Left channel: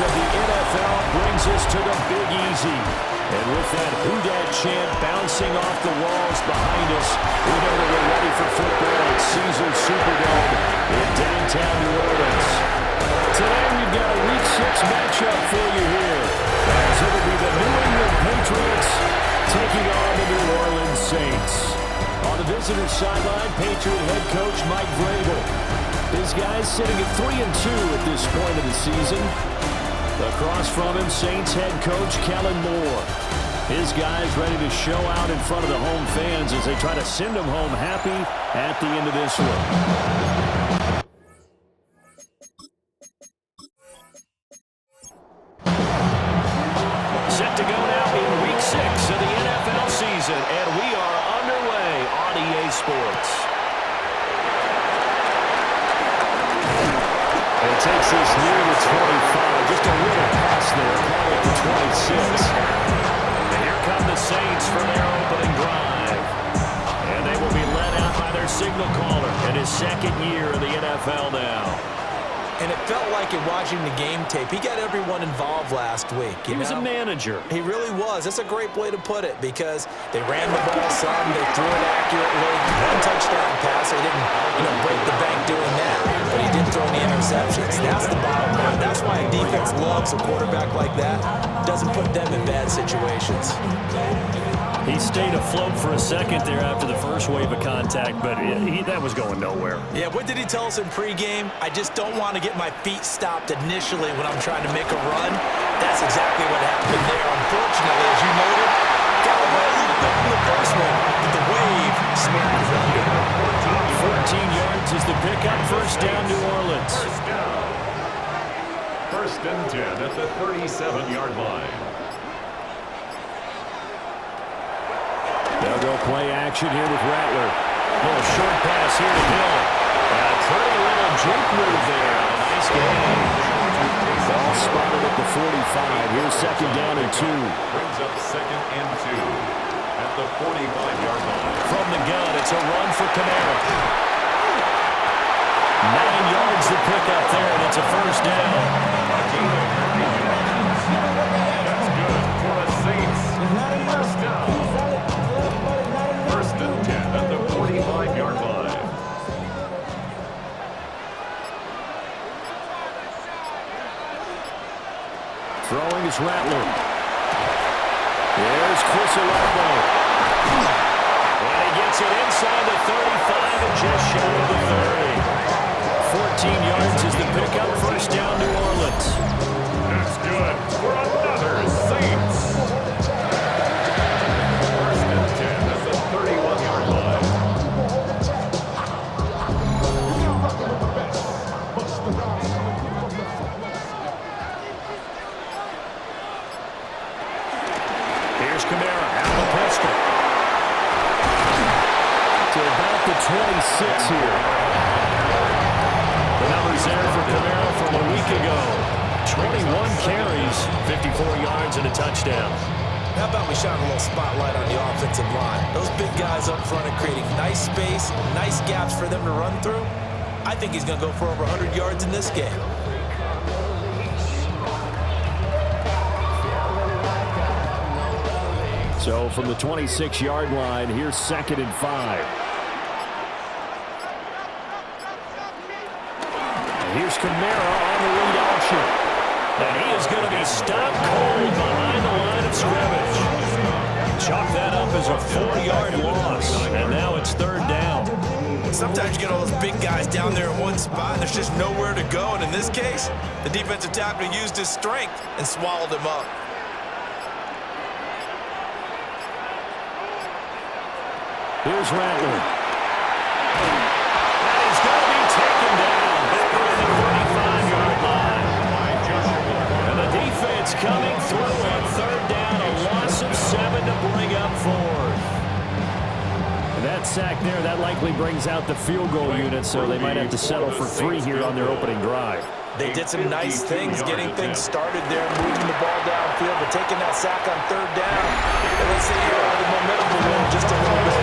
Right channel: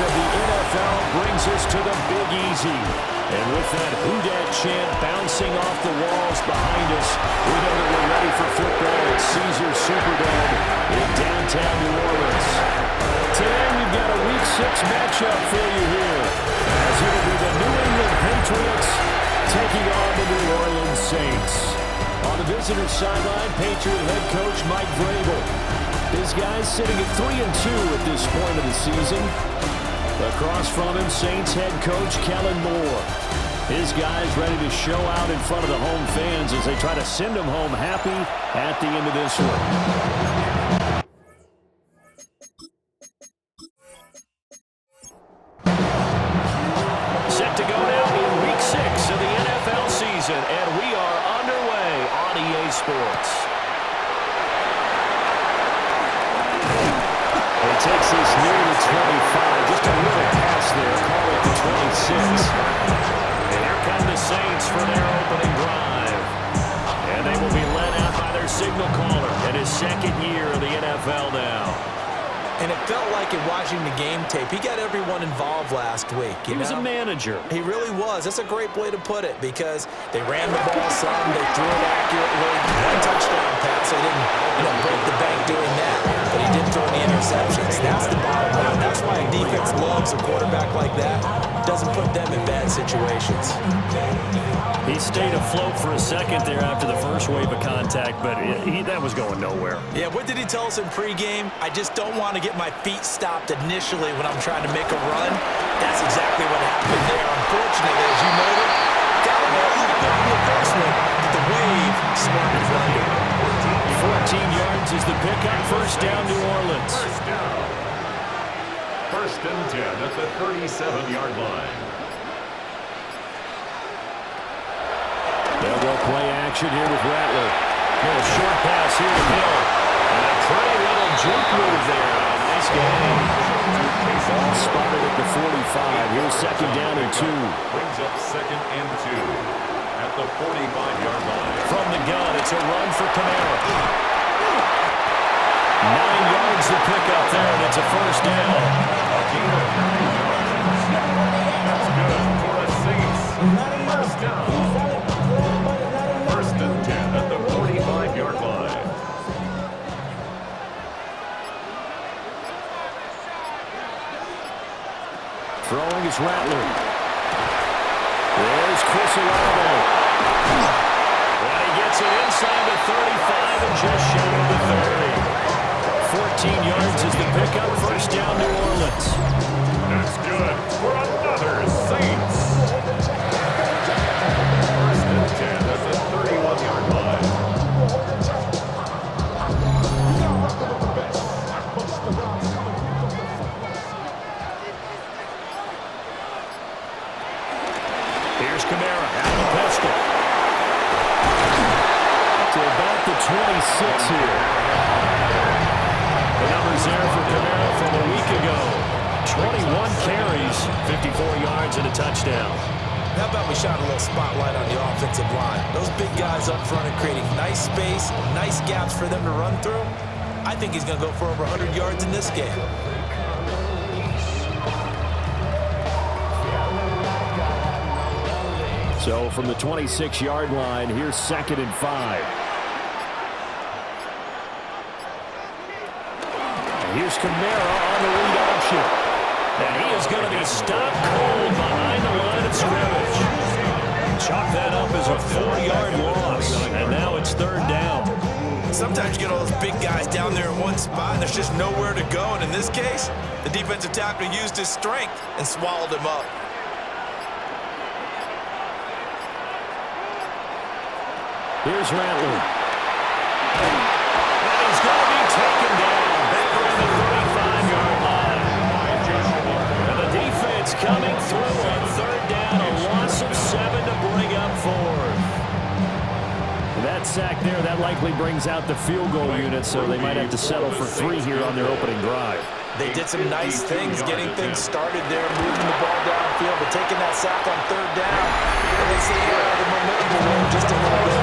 of the NFL brings us to the Big Easy. And with that Who Dat chant bouncing off the walls behind us, we know that we're ready for football at Caesars Superdome in downtown New Orleans. Today we've got a Week 6 matchup for you here, as it'll be the New England Patriots taking on the New Orleans Saints. On the visitor's sideline, Patriot head coach Mike Vrabel. His guys sitting at 3-2 at this point of the season. Across from him, Saints head coach Kellen Moore. His guys ready to show out in front of the home fans as they try to send them home happy at the end of this one. Set to go now in Week 6 of the NFL season, and we are underway on EA Sports. And it takes this near the 25, just a little pass there, call it the 26. And here come the Saints for their opening drive. And they will be led out by their signal caller in his second year in the NFL now. And it felt like in watching the game tape, he got everyone involved last week. He was a manager. He really was. That's a great way to put it, because they ran the ball some, they threw it accurately. One touchdown pass, so he didn't, break the bank doing that. But he did throw any interceptions. That's the bottom line. That's why a defense loves a quarterback like that. Doesn't put them in bad situations. He stayed afloat for a second there after the first wave of contact, but that was going nowhere. Yeah, what did he tell us in pregame? I just don't want to get my feet stopped initially when I'm trying to make a run. That's exactly what happened there. Unfortunately, as you noted, Galloway a little bit from the first one, but the wave smacked him under. 14 yards is the pickup. First down, New Orleans. First down. First and 10 at the 37-yard line. They'll go play action here with Rattler. Little short pass here to Hill. And a pretty little juke move there on a nice game. Ball spotted at the 45. Here's second down and 2. Brings up second and 2 at the 45-yard line. From the gun, it's a run for Kamara. 9 yards the pickup there, and it's a first down. A gain of 9 yards. That's good for the Saints. First down. First and 10 at the 45-yard line. Throwing is Rattler. There's Chris Olave. And he gets it inside the 35 and just shy of the 30. 14 yards is the pickup. First down, New Orleans. That's good for another Saints. First and 10 at the 31-yard line. Here's Kamara out of the pistol. To about the 26 here. The numbers there for Kamara from a week ago. 21 carries, 54 yards and a touchdown. How about we shine a little spotlight on the offensive line? Those big guys up front are creating nice space, nice gaps for them to run through. I think he's going to go for over 100 yards in this game. So from the 26-yard line, here's second and 5. And here's Kamara on the read option. And he is going to be stopped cold behind the line of scrimmage. Chalk that up as a 4-yard loss, and now it's third down. Sometimes you get all those big guys down there in one spot, and there's just nowhere to go. And in this case, the defensive tackle used his strength and swallowed him up. Here's Rattler. And he's going to be taken down back around the 35-yard line. And the defense coming through on third down, a loss of 7 to bring up fourth. That sack there, that likely brings out the field goal unit, so they might have to settle for 3 here on their opening drive. They did some nice things, getting things started there, moving the ball downfield, but taking that sack on third down, at least they get out of the momentum balloon just a little bit.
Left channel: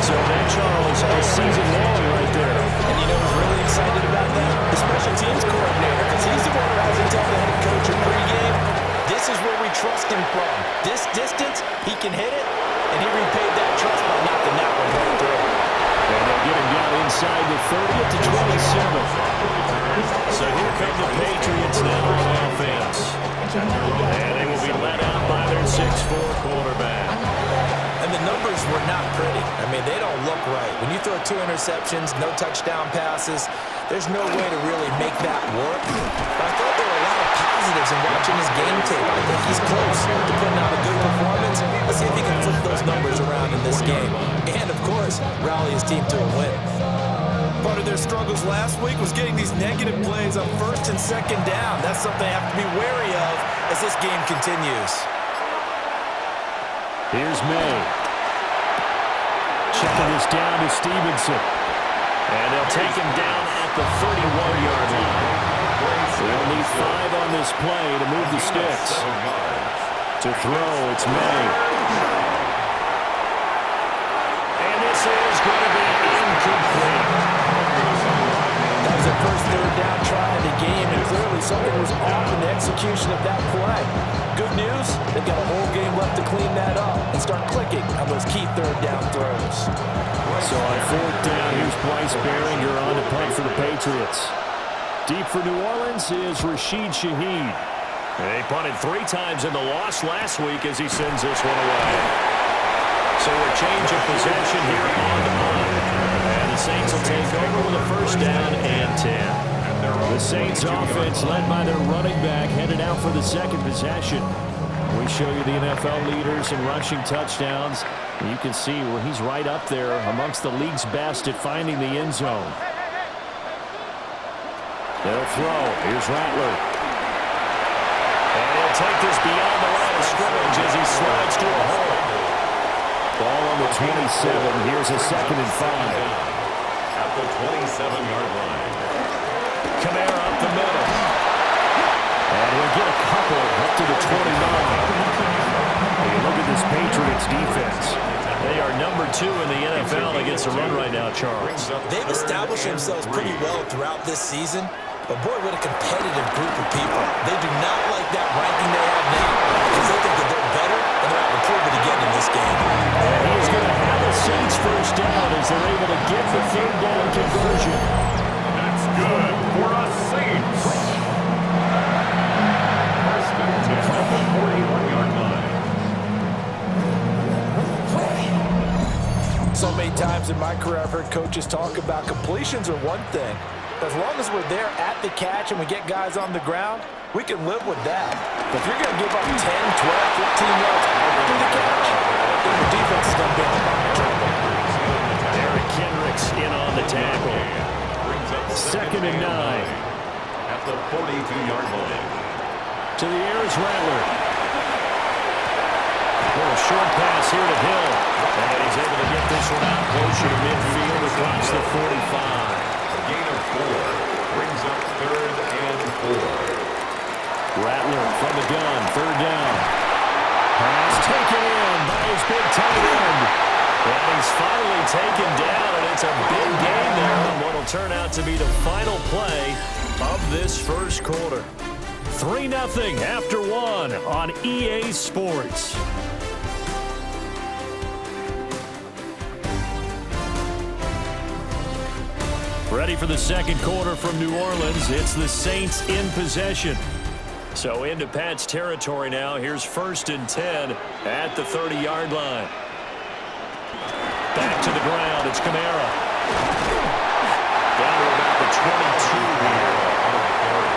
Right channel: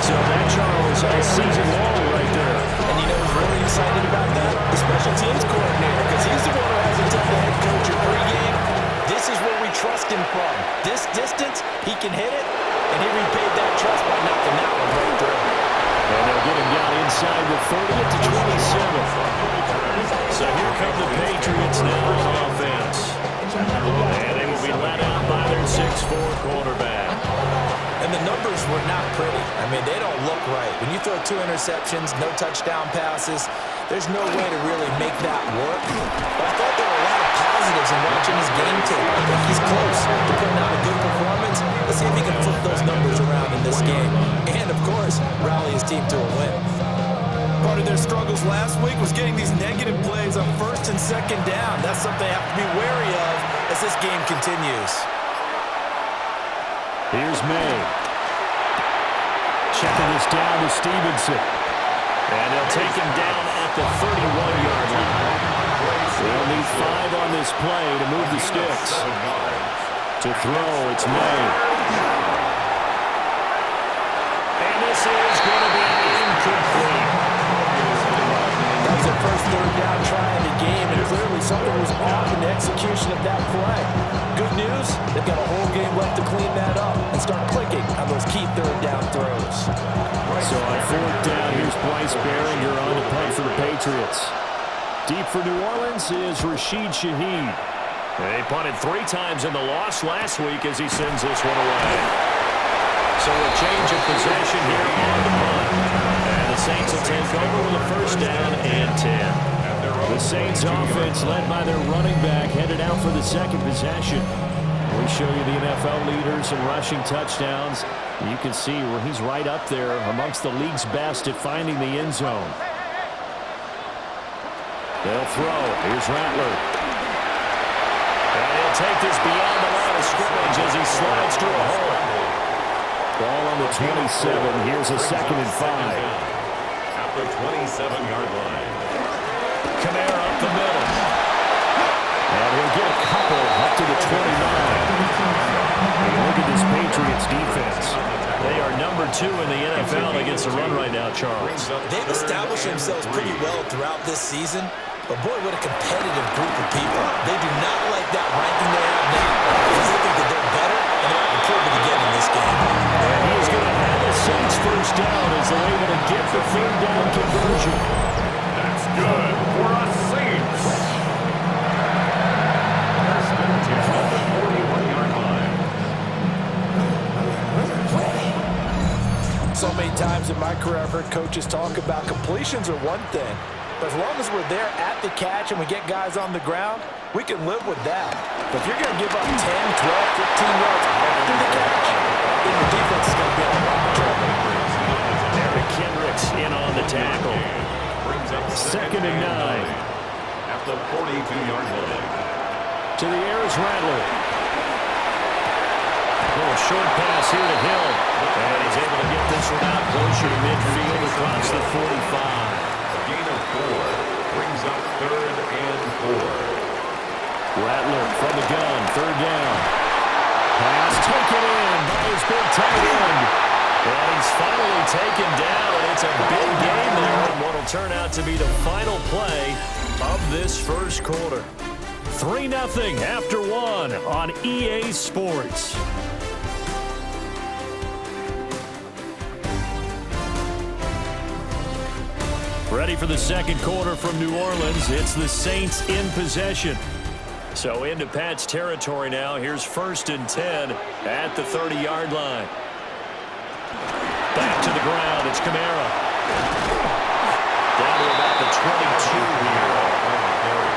So that, Charles, a season long right there. And you know who's really excited about that? The special teams coordinator, because he's the one who has to tell the head coach or pregame, this is where we trust him from. This distance, he can hit it, and he repaid that trust by knocking that one right through. And they'll get him down inside the 30 at the 27. So here come the Patriots now on offense. And they will be let out by their 6'4" quarterback. And the numbers were not pretty. I mean, they don't look right. When you throw 2 interceptions, no touchdown passes, there's no way to really make that work. But I thought there were a lot of positives in watching his game tape. I think he's close to putting out a good performance. Let's see if he can flip those numbers around in this game. And, of course, rally his team to a win. Part of their struggles last week was getting these negative plays on 1st and 2nd down. That's something they have to be wary of as this game continues. Here's May. Checking this down to Stevenson. And they'll take him down at the 31-yard line. They'll need 5 on this play to move the sticks. To throw, it's May. And this is going to be incomplete. That was their first 3rd down try of the game, and clearly something was off in the execution of that play. Good news, they've got a whole game left to clean that up and start clicking on those key 3rd down throws. So on 4th down, here's Bryce Behringer on to punt for the Patriots. Deep for New Orleans is Rashid Shaheed. They punted 3 times in the loss last week as he sends this one away. So a change of possession here on the punt. And the Saints will take over with a 1st down and 10. The Saints offense led by their running back headed out for the 2nd possession. We show you the NFL leaders in rushing touchdowns. You can see where he's right up there amongst the league's best at finding the end zone. They'll throw. Here's Rattler. And he'll take this beyond the line of scrimmage as he slides through a hole. Ball on the 27. Here's a 2nd and 5. At the 27-yard line. Kamara up the middle. And he'll get a couple up to the 29. Hey, look at this Patriots defense. They are number 2 in the NFL against the run right now, Charles. They've established themselves pretty well throughout this season, but boy, what a competitive group of people. They do not like that ranking they have now because they think that they're better, and they're out to prove it again in this game. And he is going to have the Saints 1st down as they're able to get the 3rd down conversion. That's good for a Saints. 1st and 10 at the 41-yard line. So many times in my career, I've heard coaches talk about completions are one thing, but as long as we're there at the catch and we get guys on the ground, we can live with that. But if you're going to give up 10, 12, 15 yards after the catch, then your defense is going to be in a lot of trouble. Eric Kendricks in on the tackle. 2nd and 9. At the 42-yard line. To the air is Rattler. Little short pass here to Hill. And he's able to get this one out closer to midfield across the 45. A gain of 4 brings up 3rd and 4. Rattler from the gun, 3rd down. Pass taken in by his big tight end. And he's finally taken down, and it's a big game there on what will turn out to be the final play of this 1st quarter. 3-0 after 1 on EA Sports. Ready for the 2nd quarter from New Orleans. It's the Saints in possession. So into Pat's territory now. Here's 1st and 10 at the 30-yard line. Back to the ground. It's Kamara. Down to about the 22 here.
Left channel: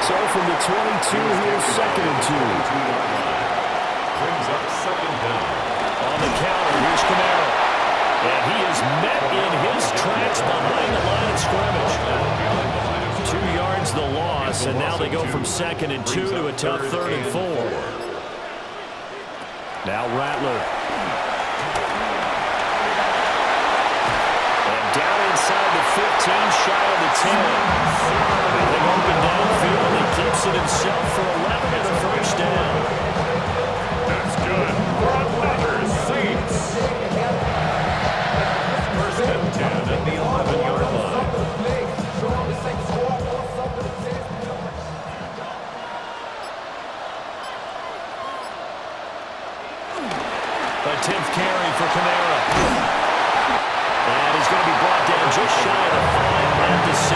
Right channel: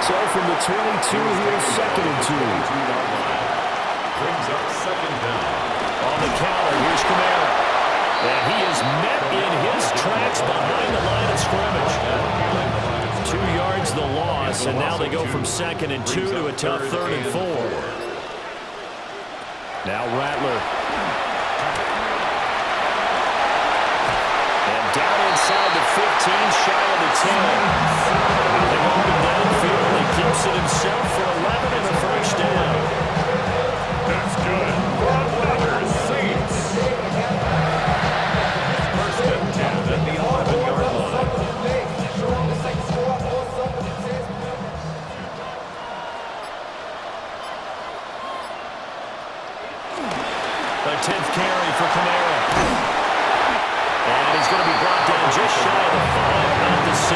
So from the 22, here's 2nd and 2. Brings up 2nd down. On the counter, here's Kamara. And he is met in his tracks behind the line of scrimmage. 2 yards the loss, and now they go from 2nd and 2 to a tough 3rd and 4. Now Rattler. And down inside the 15, shy of the 10. Nothing open downfield. He keeps it himself for 11 and a 1st down. That's good for another Saints. 1st A 10th carry for Kamara. And he's going to be brought down just shy of the 5 at the 6.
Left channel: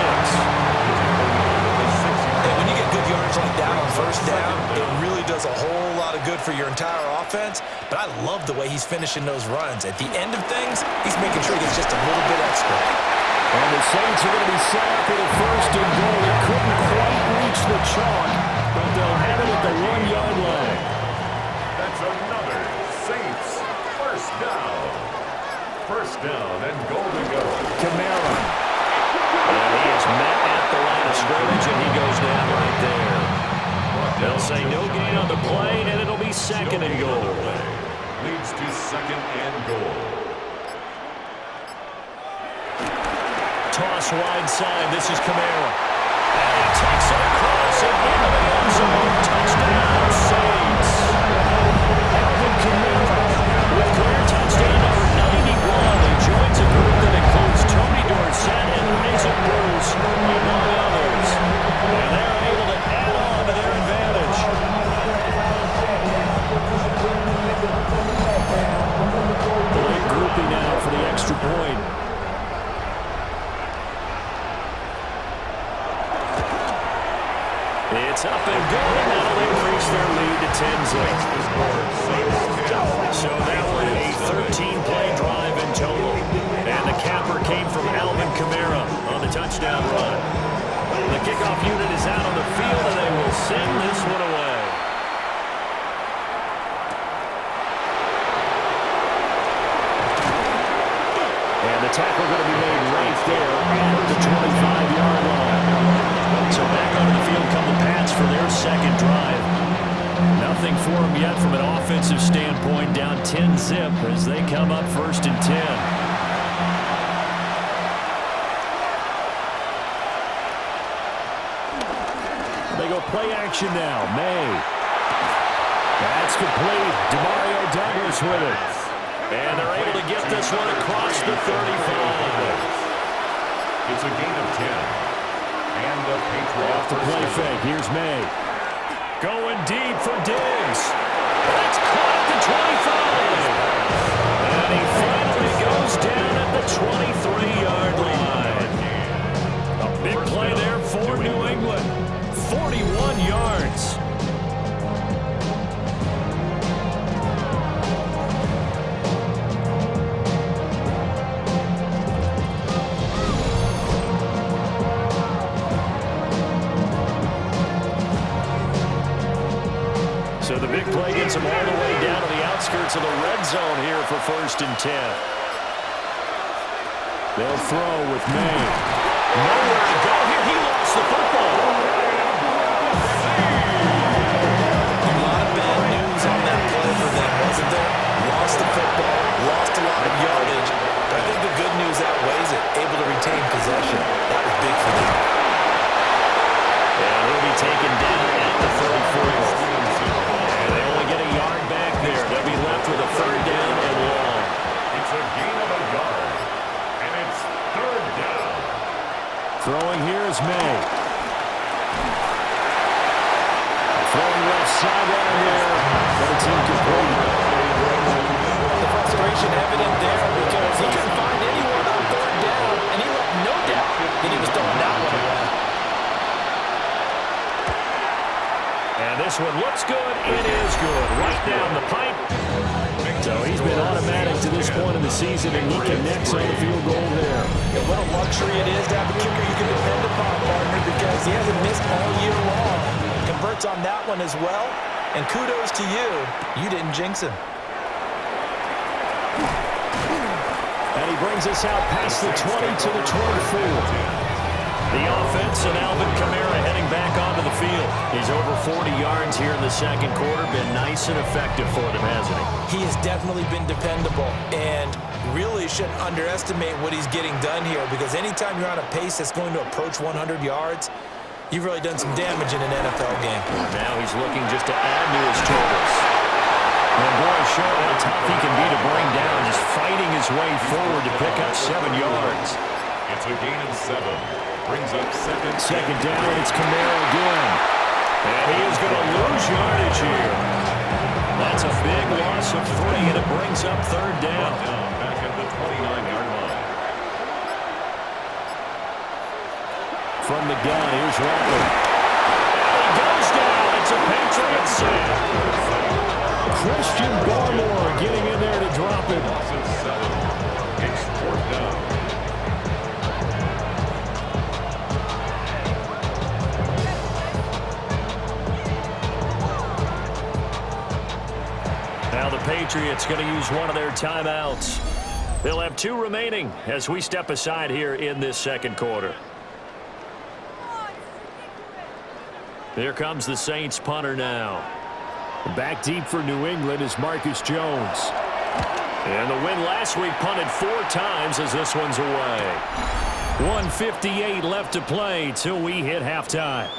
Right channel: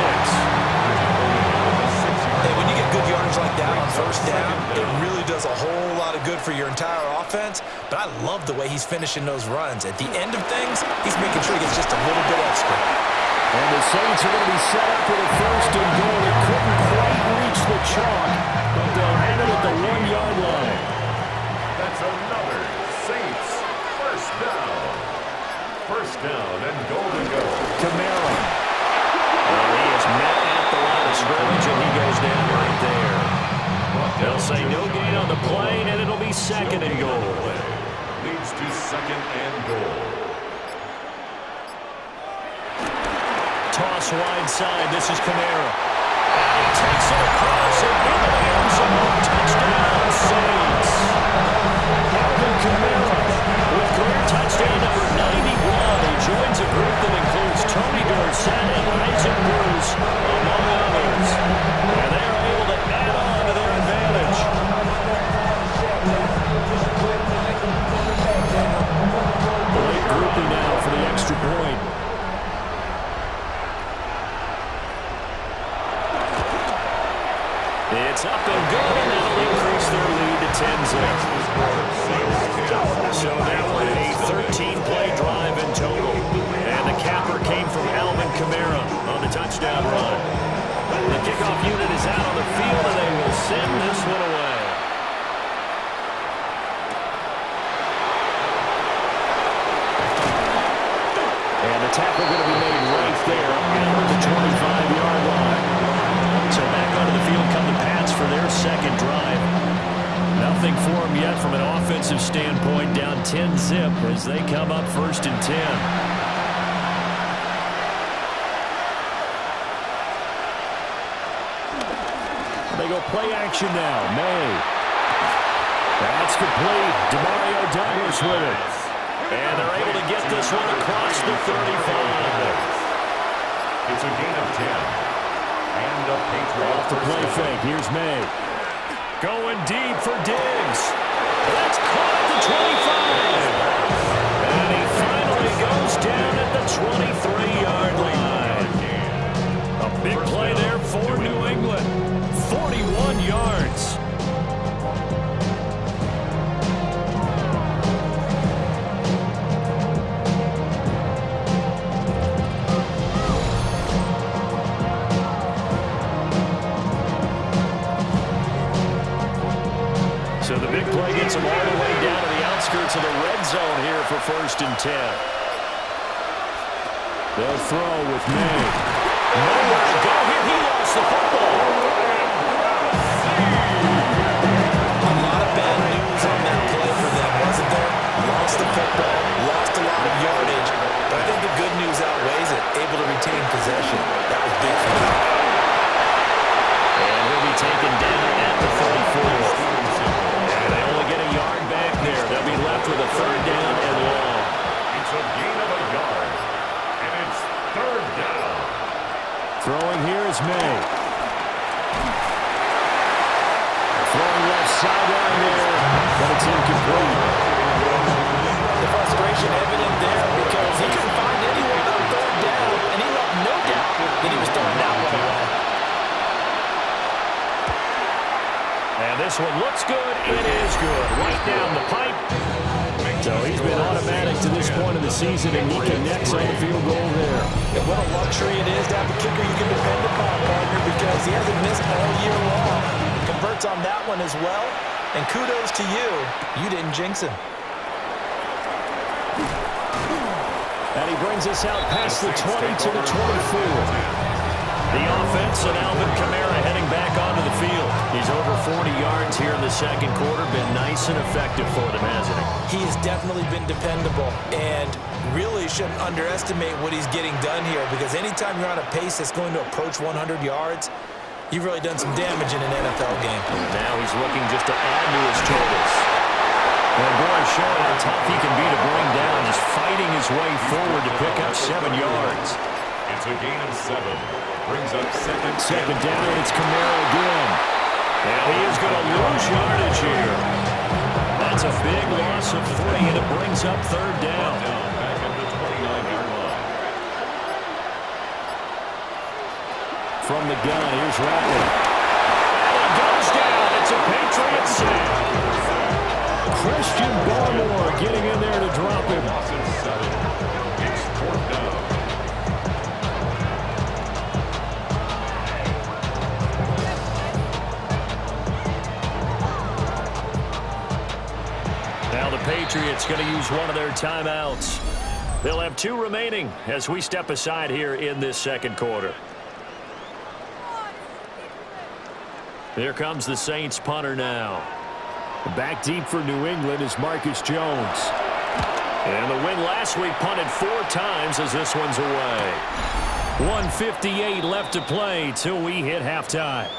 Hey, when you get good yardage like that on first down, it really does a whole lot of good for your entire offense. But I love the way he's finishing those runs. At the end of things, he's making sure he gets just a little bit extra. And the Saints are going to be set up with a 1st and goal. They couldn't quite reach the chalk, but they'll have it at the 1-yard line. That's another Saints first down. First down and goal to go. Kamara. And he is met at the line of scrimmage, and he goes down right there. They'll say no gain on the play, and it'll be 2nd and goal. Leads to 2nd and goal. Toss wide side. This is Kamara. And he takes it across and into the end zone. Touchdown, Saints. Alvin Kamara with career touchdown number 91. He joins a group that includes Tony Dorsett and Isaac Bruce, among others. And they're able to add on to their advantage. Late groupie now for the extra point. It's up and good, and that'll increase their lead to 10-0. So that one a 13-play drive in total. And the capper came from Alvin Kamara on the touchdown run. The kickoff unit is out on the field, and they will send this one away. And the tackle going to be made right there at the 25-yard line. So back onto the field come the Pats for their 2nd drive. Nothing for them yet from an offensive standpoint, down 10-0 as they come up 1st and 10. They go play action now. May. That's complete. Demario Douglas with it. And they're able to get this one across the 35. It's a gain of 10. And a Patriot off the play fake. Here's May. Going deep for Diggs. That's caught at the 25. And he finally goes down at the 23-yard line. A big play there for New England. 41 yards. So the big play gets them all the way down to the outskirts of the red zone here for 1st and 10. They'll throw with May. Nowhere to go here. He lost the football. A lot of bad news on that play for them, wasn't there? Lost the football, lost a lot of yardage, but I think the good news outweighs it. Able to retain possession. That was big for them. And he'll be taken down at the 34. And they only get a yard back there. They'll be left with a 3rd down and long. It's a gain of a yard. And it's 3rd down. Throwing here is May. Throwing left sideline there, but it's incomplete. The frustration evident there because he couldn't find anyone on 3rd down, and he left no doubt that he was throwing that one away. And this one looks good. It is good. Right down the pipe. So he's been automatic to this point of the season, and he connects on the field goal there. And what a luxury it is to have a kicker you can depend upon, partner, because he hasn't missed all year long. Converts on that one as well. And kudos to you. You didn't jinx him. And he brings us out past the 20 to the 24. The offense and Alvin Kamara heading back onto the field. He's over 40 yards here in the 2nd quarter. Been nice and effective for them, hasn't he? He has definitely been dependable and really shouldn't underestimate what he's getting done here because anytime you're on a pace that's going to approach 100 yards, you've really done some damage in an NFL game. And now he's looking just to add to his totals. And boy, showing how tough he can be to bring down, just fighting his way forward to pick up 7 yards. It's a gain of 7. Brings up 2nd. Second down, it's Kamara again. And he is going to lose yardage here. That That's a big loss of 3, and it brings up third down. Back at the 29-yard line. From the gun, here's Rattler. And he goes down. It's a Patriots sack. Christian Barmore getting in there to drop him. It's 4th down. Now the Patriots going to use one of their timeouts. They'll have 2 remaining as we step aside here in this second quarter. Here comes the Saints punter now. Back deep for New England is Marcus Jones. And the win last week punted 4 times as this one's away. 1:58 left to play till we hit halftime.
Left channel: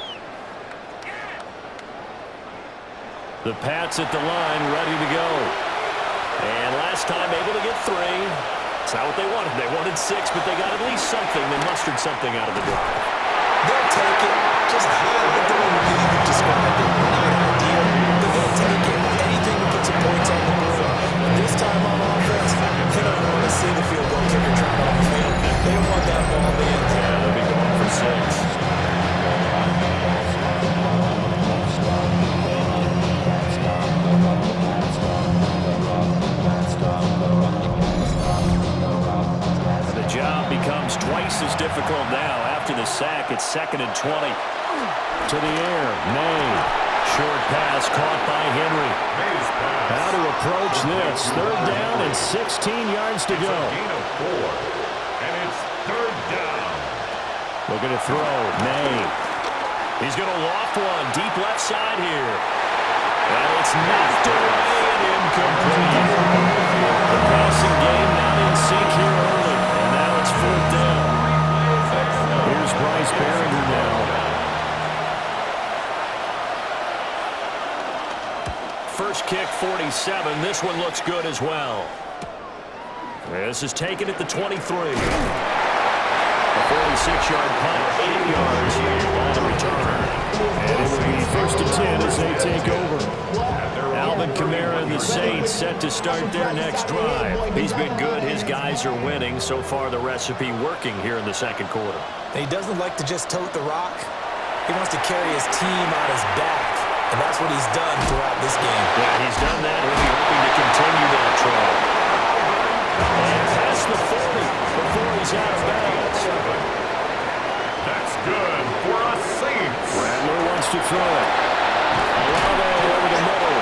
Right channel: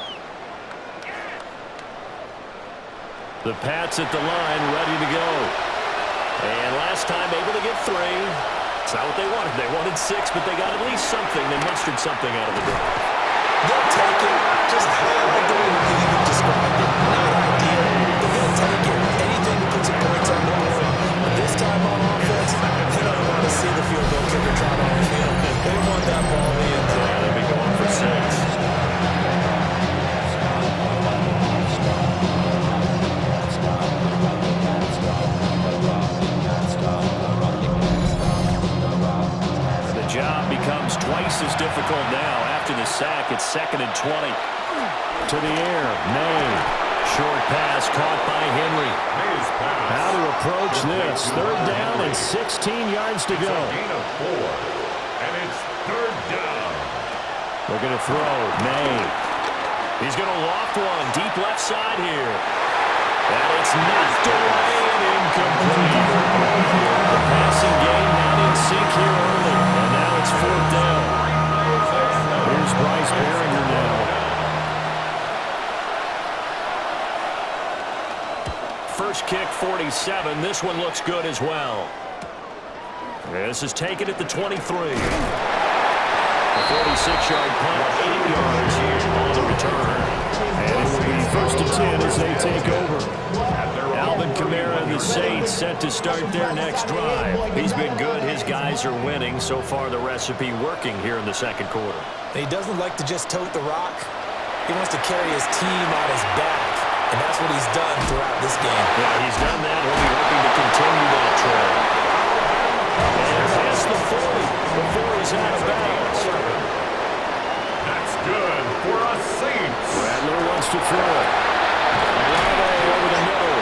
The Pats at the line ready to go. And last time able to get 3. It's not what they wanted. They wanted 6, but they got at least something. They mustered something out of the drive. They'll take it. Just like the way you described it. Not ideal, but they'll take it. Anything to put some points on the board. But this time on offense, they don't want to see the field goal kicker trot on the field. They want that ball in the end zone. Yeah, they'll be going for 6. The job becomes twice as difficult now. After the sack, it's 2nd and 20. To the air, May. Short pass caught by Henry. How to approach this. 3rd down and 16 yards to go. Gain of 4. And it's 3rd down. Looking to throw, May. He's going to loft one deep left side here. And it's knocked away and incomplete. The passing game not in sync here early. And now it's 4th down. Here's Bryce Behringer now. First kick, 47. This one looks good as well. This is taken at the 23. A 46-yard punt, 8 yards on the return. And it will be 1st and 10 as they take over. Alvin Kamara and the Saints set to start their next drive. He's been good. His guys are winning. So far, the recipe working here in the second quarter. He doesn't like to just tote the rock. He wants to carry his team on his back. And that's what he's done throughout this game. Yeah, he's done that. He'll be hoping to continue that trend. And past the 40 before he's out of bounds. That's good for a Saints. Rattler wants to throw it. Olave over the middle.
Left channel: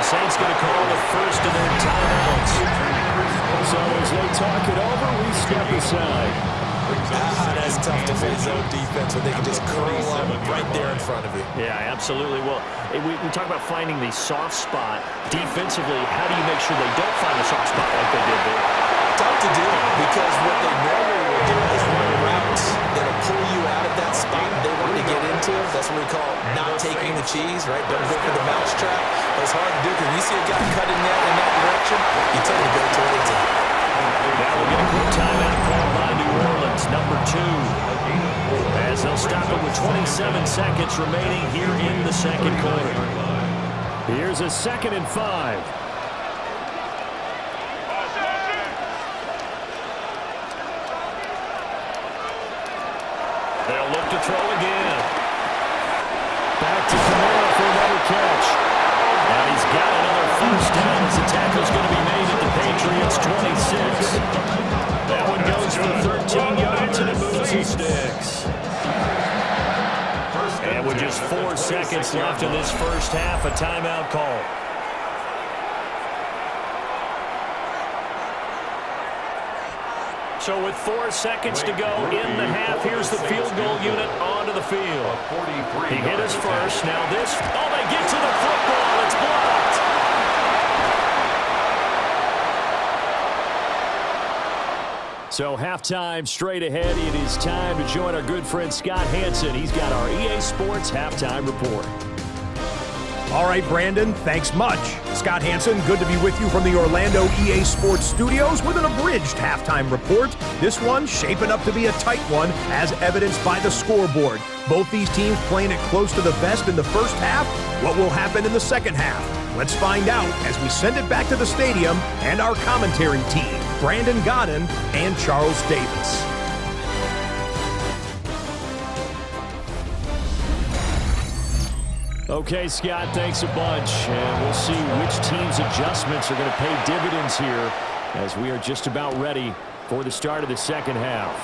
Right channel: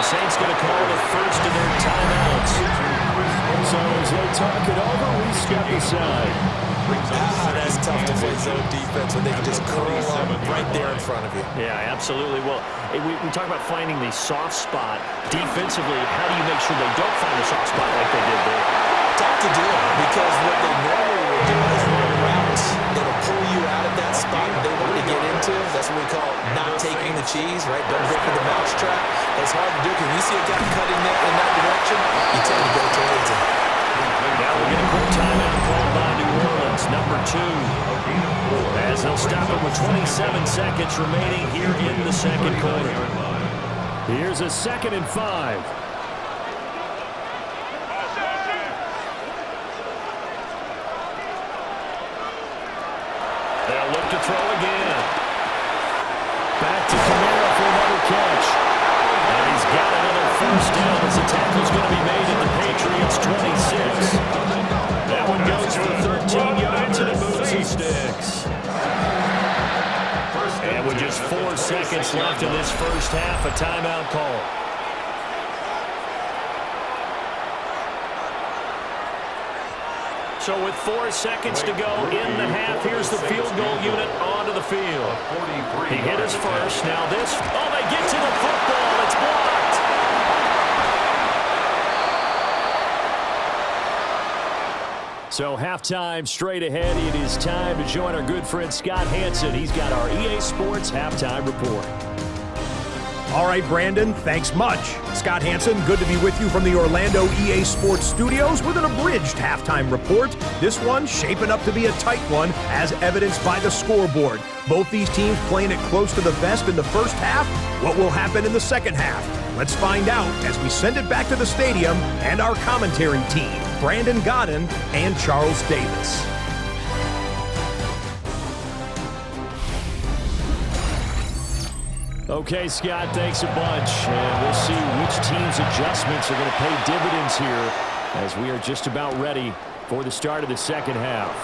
The Saints going to call the first of their timeouts. So as they talk it over, we step aside. That's tough to play zone defense when they can just curl up right there in front of you. Yeah, absolutely. Well, we talk about finding the soft spot. Defensively, how do you make sure they don't find the soft spot like they did there? Tough to do because what they normally will do is run routes that'll pull you out of that spot they want to get into. That's what we call not taking the cheese, right? Don't go for the mouse trap. But it's hard to do because when you see a guy cutting in that direction, you tend to go towards him. Now we'll get a quick timeout called by New Orleans, number 2. As they'll stop it with 27 seconds remaining here in the second quarter. Here's a 2nd and 5. They'll look to throw again. Back to Kamara for another catch. And he's got another 1st down as the tackle's going to be made at the Patriots 26. That one goes for 13 yards and it moves and sticks. And with just 4 seconds left in this first half, a timeout call. So with 4 seconds to go in the half, here's the field goal unit onto the field. He hit his first. Now this. Oh, they get to the football. It's blocked. So halftime straight ahead. It is time to join our good friend Scott Hansen. He's got our EA Sports halftime report. All right, Brandon, thanks much. Scott Hansen, good to be with you from the Orlando EA Sports Studios with an abridged halftime report. This one shaping up to be a tight one, as evidenced by the scoreboard. Both these teams playing it close to the vest in the first half. What will happen in the second half? Let's find out as we send it back to the stadium and our commentary team, Brandon Godden and Charles Davis. Okay, Scott, thanks a bunch. And we'll see which team's adjustments are going to pay dividends here as we are just about ready for the start of the second half.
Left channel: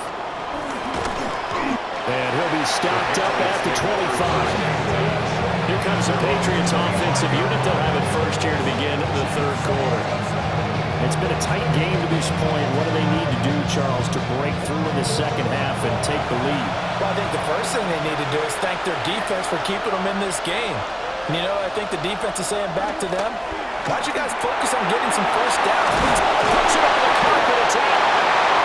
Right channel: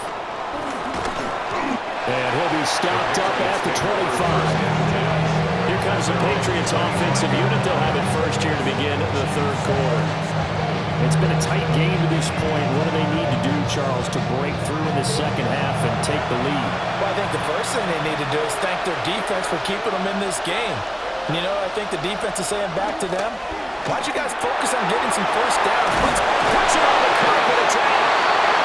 And he'll be stopped up at the 25. Here comes the Patriots offensive unit. They'll have it first here to begin the third quarter. It's been a tight game to this point. What do they need to do, Charles, to break through in the second half and take the lead? Well, I think the first thing they need to do is thank their defense for keeping them in this game. And, you know, I think the defense is saying back to them, why don't you guys focus on getting some first downs? Puts it on the carpet. It's out.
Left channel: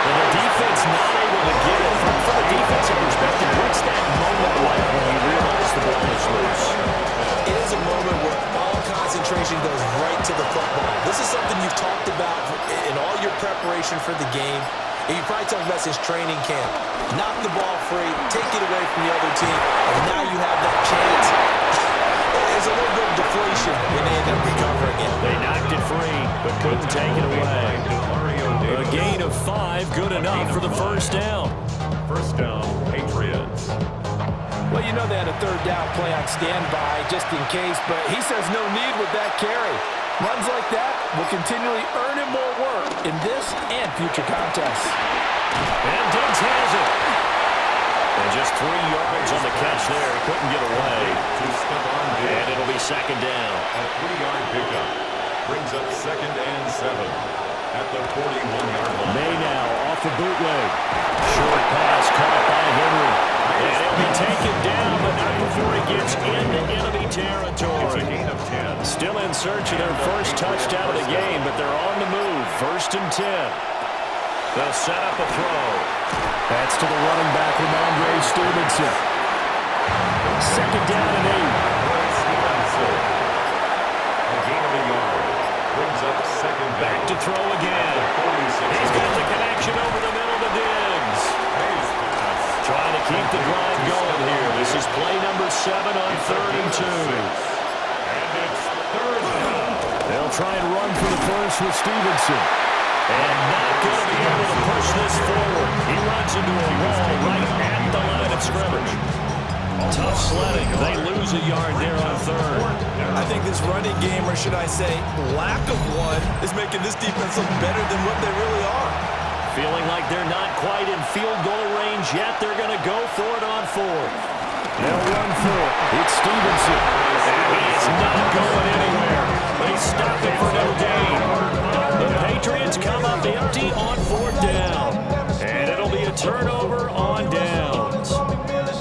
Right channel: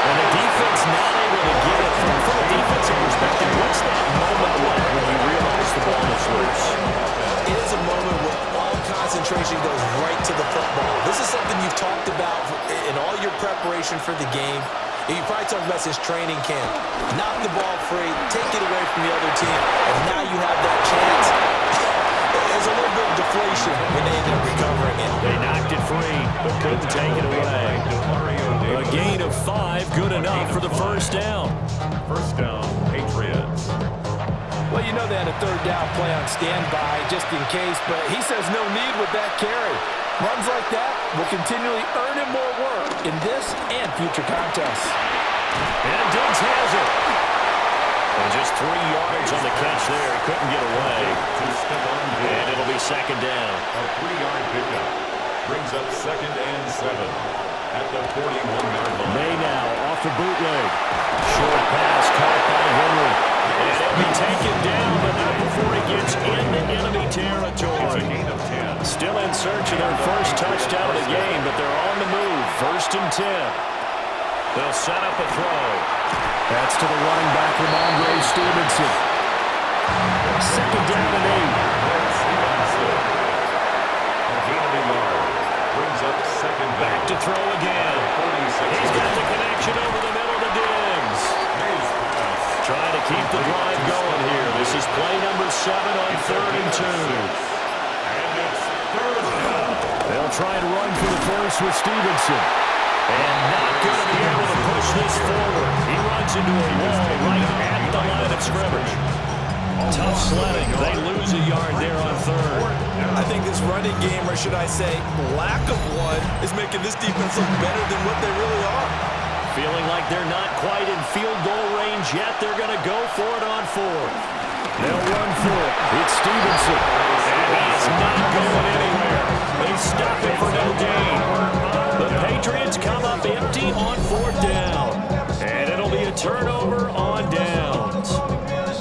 And the defense not able to get it. From a defensive perspective, what's that moment like when you realize the ball is loose? It is a moment where all concentration goes right to the football. This is something you've talked about in all your preparation for the game. And you probably talked about since training camp. Knock the ball free, take it away from the other team, and now you have that chance. There's a little bit of deflation when they end up recovering it. They knocked it free, but couldn't take it away. A gain of 5, good enough for the first down. First down, Patriots. Well, you know they had a third down play on standby just in case, but he says no need with that carry. Runs like that will continually earn him more work in this and future contests. And Diggs has it. And just 3 yards on the catch there. He couldn't get away. And it'll be second down. A 3-yard pickup brings up 2nd and 7 at the 41-yard line. May now off the bootleg. Short pass caught by Henry. And he'll be taken down, but not before he gets into enemy territory. It's a gain of 10. Still in search of their first touchdown of the game, but they're on the move. 1st and 10. They'll set up a throw. That's to the running back, Ramondre Stevenson. 2nd down and 8. Stevenson. A gain of a yard. Brings up 2nd down. Back to throw again. He's got the connection over the middle to Diggs. Mays pass. Trying to keep the drive going here. This is play number 7 on 3rd and 2. And it's 3rd down. They'll try and run for the first with Stevenson. And not going to be able to push this forward. He runs into a wall right at the line of scrimmage. Tough sledding. They lose a yard there on 3rd. I think this running game, or should I say lack of one, is making this defense look better than what they really are. Feeling like they're not quite in field goal range yet. They're going to go for it on 4th. They'll run for it. It's Stevenson. And he is not going anywhere. They stop it for no gain. The Patriots come up empty on 4th down. And it'll be a turnover on downs.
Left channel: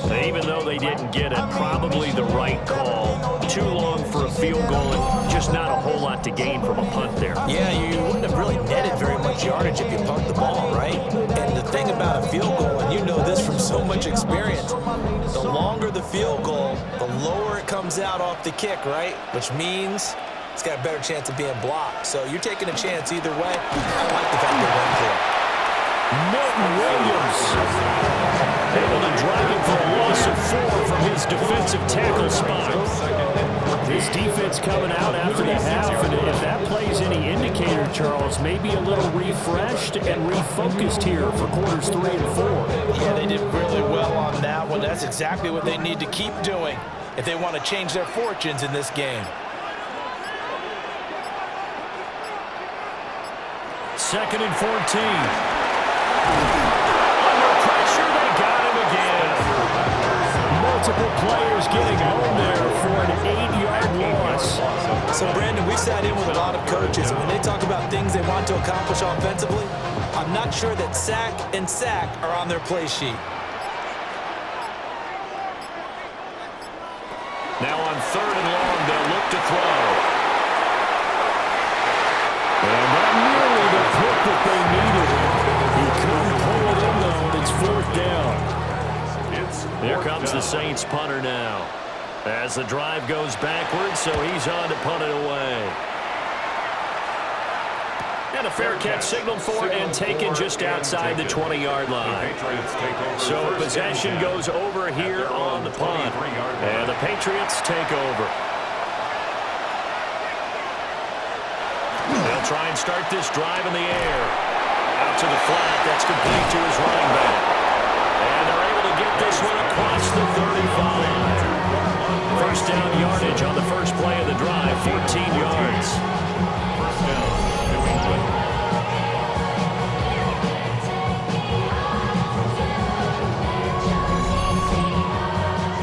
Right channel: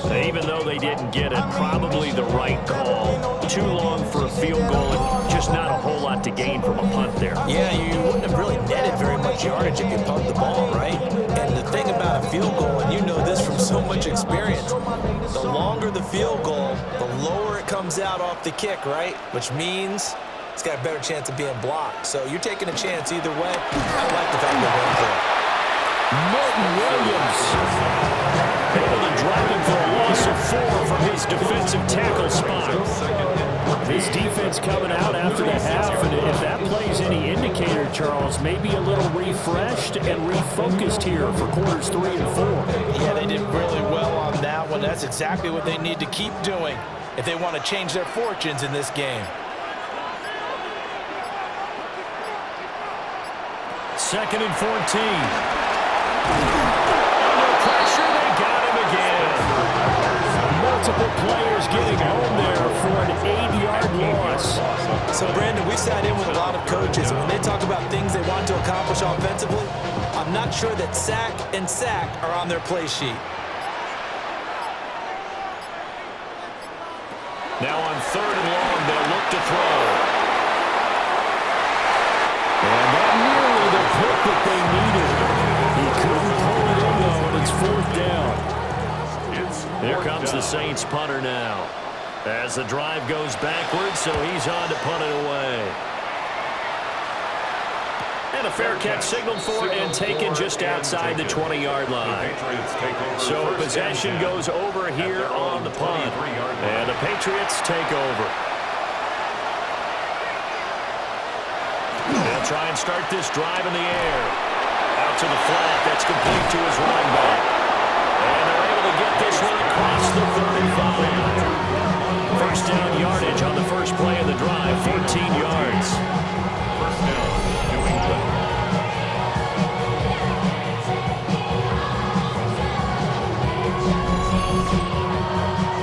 Even though they didn't get it, probably the right call. Too long for a field goal and just not a whole lot to gain from a punt there. Yeah, you wouldn't have really netted very much yardage if you pumped the ball, right? And the thing about a field goal, and you know this from so much experience, the longer the field goal, the lower it comes out off the kick, right? Which means it's got a better chance of being blocked. So you're taking a chance either way. I like the fact they went for it. Milton Williams able to drop him for a loss of 4 from his defensive tackle spot. His defense coming out after the half, and if that plays any indicator, Charles, maybe a little refreshed and refocused here for quarters 3 and 4. Yeah, they did really well on that one. That's exactly what they need to keep doing if they want to change their fortunes in this game. 2nd and 14. Under pressure, they got him again. Multiple players getting home there for an 8-yard loss. So, Brandon, we've sat in with a lot of coaches, and when they talk about things they want to accomplish offensively, I'm not sure that sack and sack are on their play sheet. Now on 3rd and long, they'll look to throw. And that nearly the pick that they needed. He couldn't pull it in, though, and it's 4th down. Here comes the Saints punter now. As the drive goes backwards, so he's on to punt it away. And a fair catch signaled for and taken just outside the 20-yard line. So possession goes over here on the punt. And the Patriots take over. They'll try and start this drive in the air. Out to the flat. That's complete to his running back. And they're able to get this one across the 35. First down yardage on the first play of the drive, 14 yards. First down, New England.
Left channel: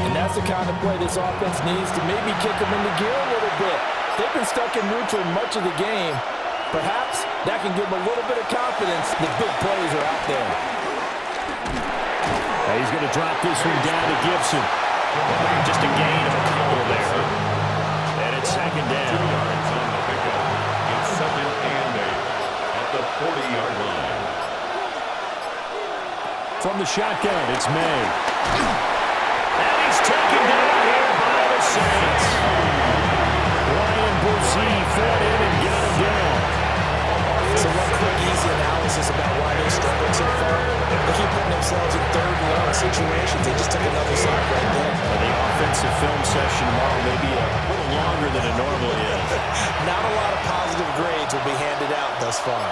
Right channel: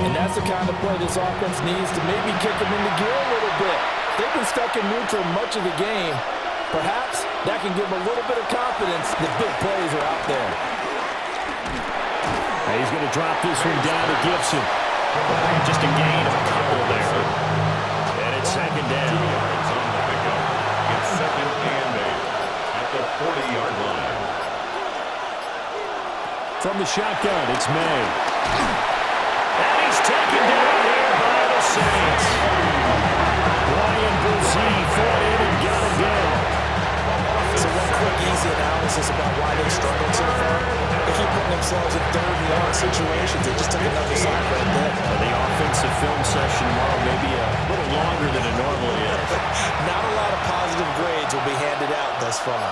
And that's the kind of play this offense needs to maybe kick them into gear a little bit. They've been stuck in neutral much of the game. Perhaps that can give them a little bit of confidence that big plays are out there. He's going to drop this one down to Gibson. Just a gain of a couple there. And it's second down. 2 yards on the pickup. It's second and 8 at the 40-yard line. From the shotgun, it's May. And he's taken down here by the Saints. Brian Brzee fought in and got him down. So one quick, easy analysis about why they struggled so far. They keep putting themselves in third and long situations. They just took another sack right there. The offensive film session tomorrow may be a little longer than it normally is. Not a lot of positive grades will be handed out thus far.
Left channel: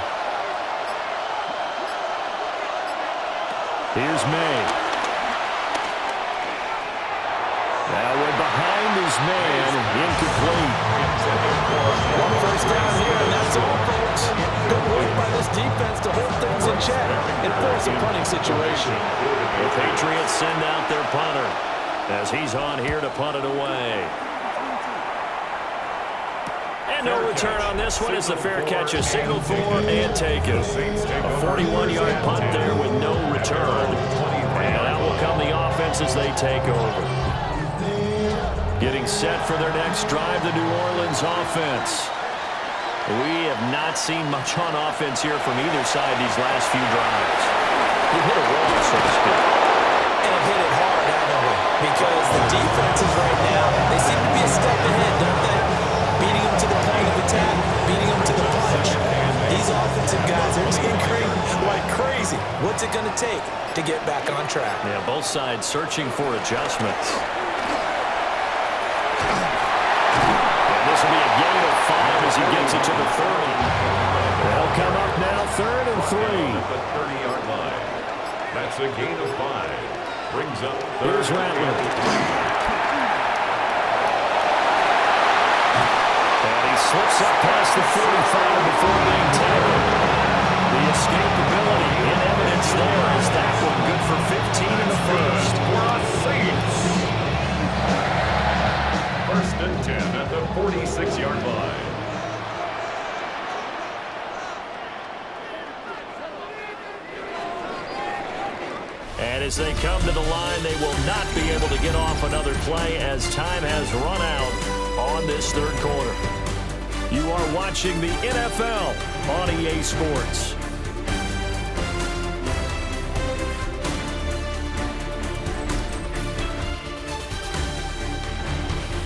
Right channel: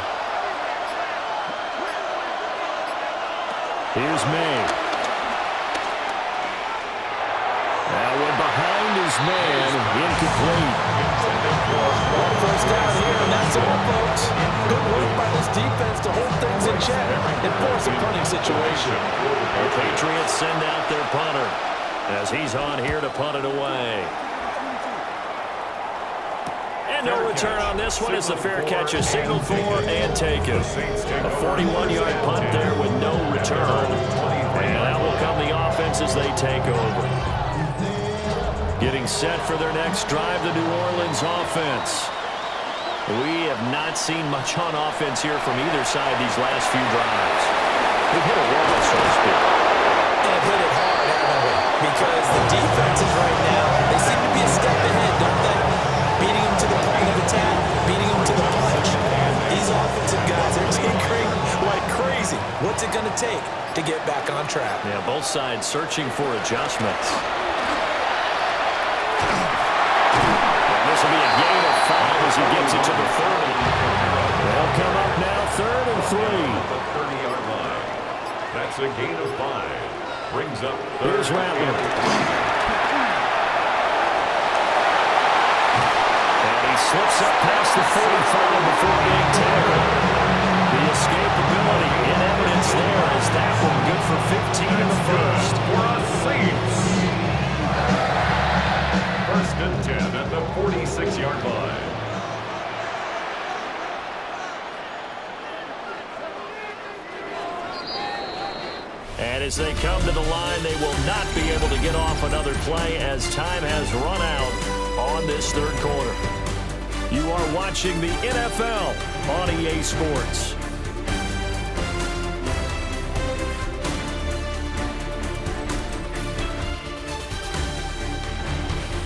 Here's May. Now we're behind his man, incomplete. One first down here, and that's all, folks. Good work by this defense to hold things in check and force a punting situation. The Patriots send out their punter as he's on here to punt it away. And no return on this one as the fair catch is signaled for and taken. A 41-yard punt there with no return. And that will come the offense as they take over. Getting set for their next drive, the New Orleans offense. We have not seen much on offense here from either side these last few drives. We've hit a wall, so to speak. And have hit it hard, haven't we? Because the defenses right now, they seem to be a step ahead, don't they? Beating them to the point of attack, beating them to the punch. These offensive guys, they're tinkering like crazy. What's it going to take to get back on track? Yeah, both sides searching for adjustments. This will be a gain of 5 as he gets it to the 30. They'll come up now, 3rd and 3. At the 30-yard line. That's a gain of 5. Brings up third. Here's Rattler. And he slips up past the 45 before being tackled. The escapability in evidence there as that one good for 15 in the first. For us Saints. First and 10 at the 46-yard line. And as they come to the line, they will not be able to get off another play as time has run out on this third quarter. You are watching the NFL on EA Sports.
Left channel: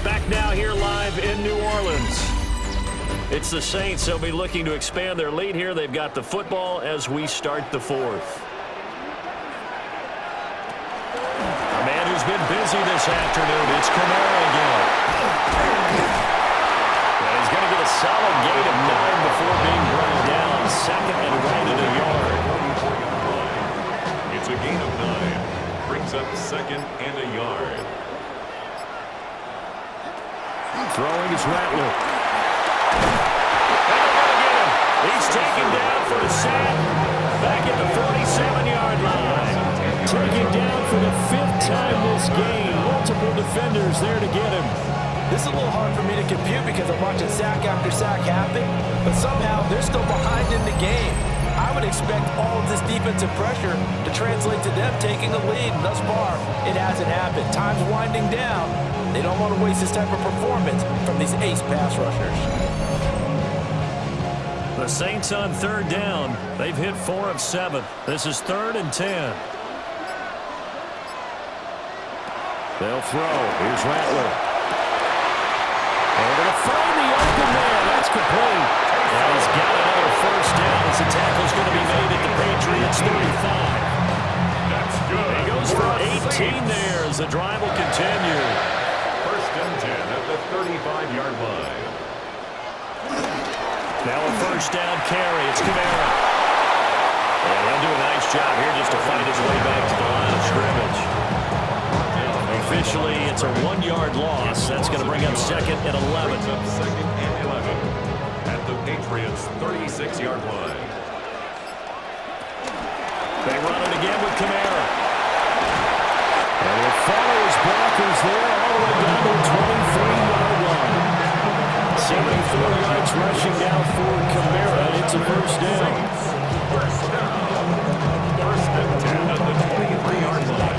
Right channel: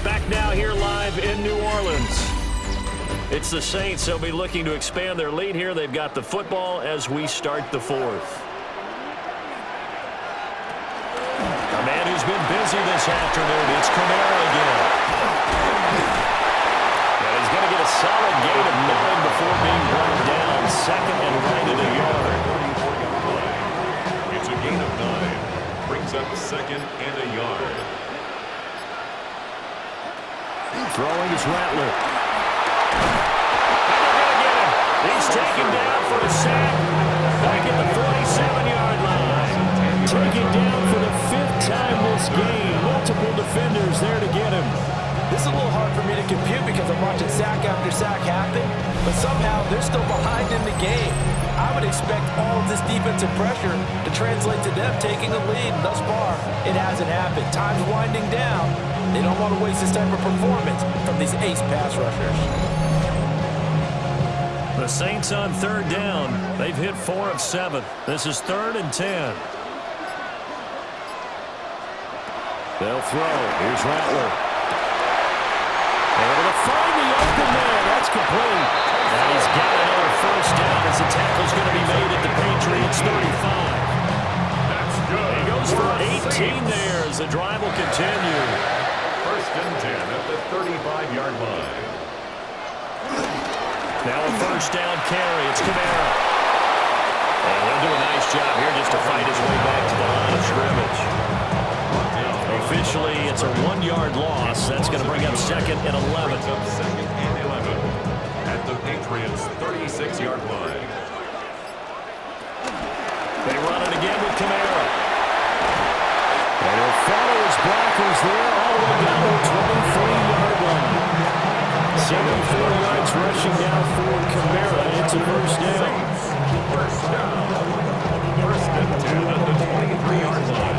Back now here live in New Orleans. It's the Saints. They'll be looking to expand their lead here. They've got the football as we start the fourth. A man who's been busy this afternoon. It's Kamara again. And he's going to get a solid gain of 9 before being brought down. Second and right at a yard. 44-yard line. It's a gain of 9. Brings up second and a yard. Throwing is Rattler. And they're going to get him. He's taken down for a sack. Back at the 47-yard line. Taken down for the 5th time this game. Multiple defenders there to get him. This is a little hard for me to compute because I'm watching sack after sack happen, but somehow they're still behind in the game. I would expect all of this defensive pressure to translate to them taking a lead, and thus far, it hasn't happened. Time's winding down. They don't want to waste this type of performance from these ace pass rushers. The Saints on 3rd down. They've hit 4 of 7. This is 3rd and 10. They'll throw. Here's Rattler. find the open man. That's complete. And he's got another first down as the tackle's going to be made at the Patriots 35. That's good. He goes for 18 there as the drive will continue. First and 10 at the 35-yard line. Now a first down carry. It's Kamara. And he'll do a nice job here just to fight his way back to the line of scrimmage. Officially, it's a 1-yard loss. That's going to bring up second and 11. Brings up second and 11 at the Patriots 36-yard line. They run it again with Kamara. And he'll follow his blockers there all the way down to the 23-yard line. 74 yards rushing down for Kamara, and it's a first down. First down. First and 10 at the 23-yard line.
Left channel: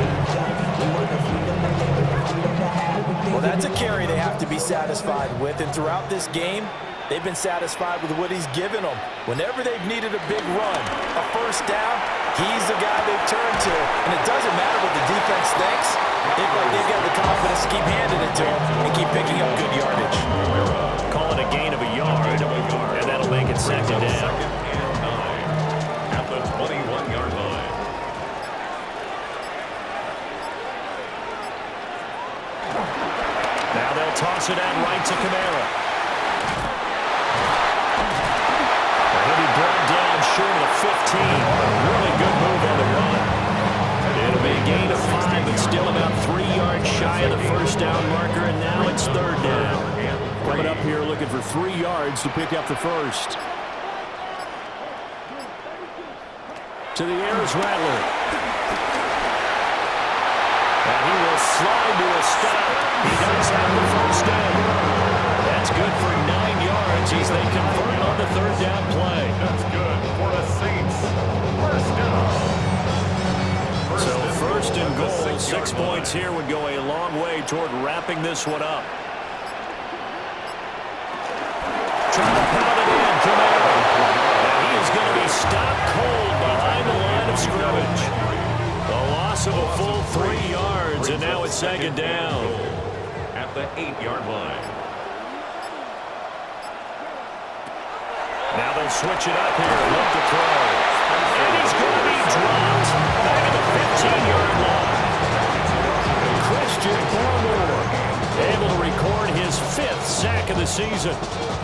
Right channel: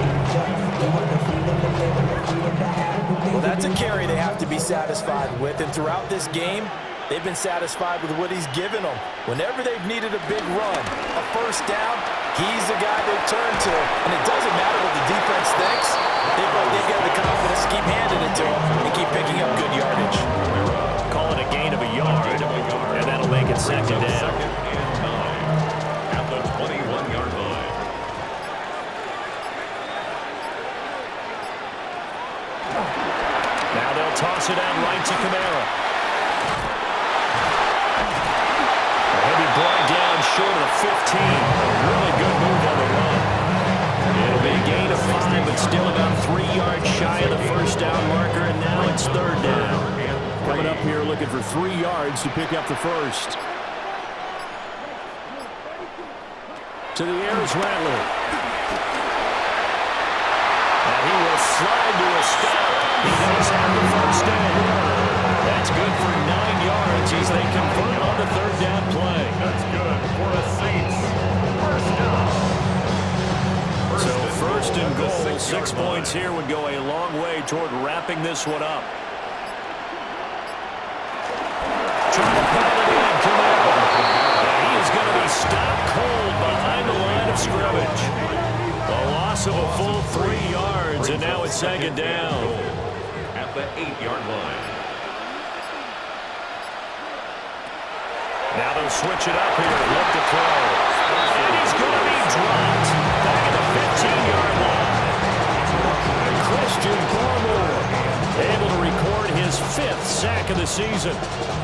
Well, that's a carry they have to be satisfied with, and throughout this game, they've been satisfied with what he's given them. Whenever they've needed a big run, a first down, he's the guy they've turned to, and it doesn't matter what the defense thinks. They've got the confidence to keep handing it to him and keep picking up good yardage. Call it a gain of a yard, and that'll make it second down. Second and 9 at the 21-yard line. Now they'll toss it out right to Kamara. He'll be brought down short of the 15. A really good move on the run. It'll be a gain of 5, but still about 3 yards shy of the first down marker, and now it's third down. Coming up here looking for 3 yards to pick up the first. To the air is Rattler. And he will slide to a stop. He does have the first down. That's good for 9 yards as they convert on the third down play. That's good for a Saints. First down. So first and goal, 6 points here would go a long way toward wrapping this one up. Trying to pound it in, Kamara. And he is going to be stopped cold behind the line of scrimmage. A loss of a full 3 yards, and now it's second down. At the 8-yard line. Now they'll switch it up here, look to throw. And he's going to be dropped back at the 15-yard line. Christian Barmore able to record his 5th sack of the season.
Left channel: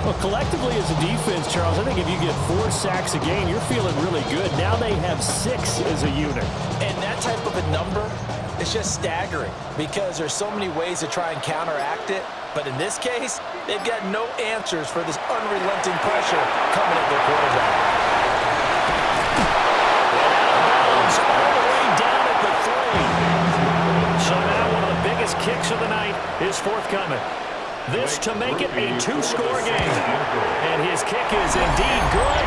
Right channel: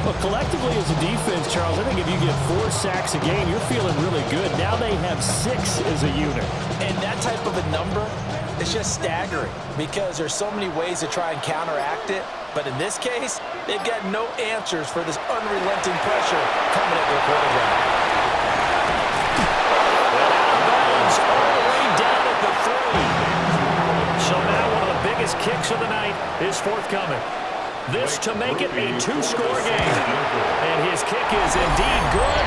Well, collectively as a defense, Charles, I think if you get 4 sacks a game, you're feeling really good. Now they have 6 as a unit. And that type of a number is just staggering because there's so many ways to try and counteract it. But in this case, they've got no answers for this unrelenting pressure coming at their quarterback. And out of bounds all the way down at the 3. So now one of the biggest kicks of the night is forthcoming. This to make it a 2-score game. And his kick is indeed good.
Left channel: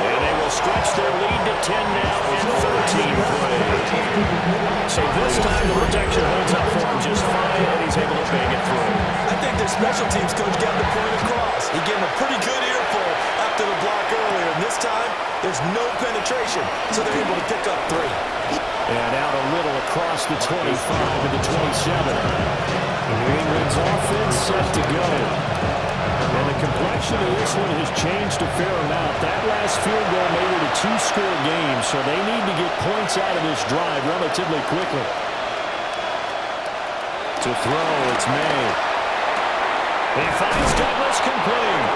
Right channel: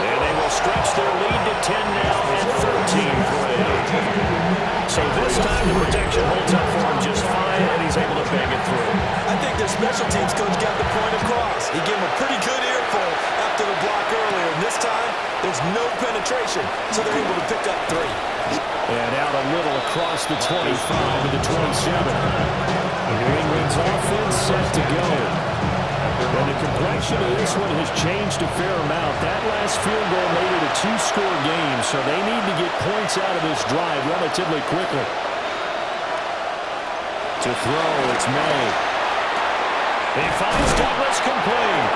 And they will stretch their lead to 10 now and 13-3. So this time the protection holds up for him just fine, and he's able to bang it through. I think their special teams coach got the point across. He gave him a pretty good earful after the block earlier. And this time, there's no penetration, so they're able to pick up 3. And out a little across the 25 and the 27. New England's offense set to go. And the complexion of this one has changed a fair amount. That last field goal made it a 2-score game, so they need to get points out of this drive relatively quickly. To throw, it's May. He finds Douglas complete.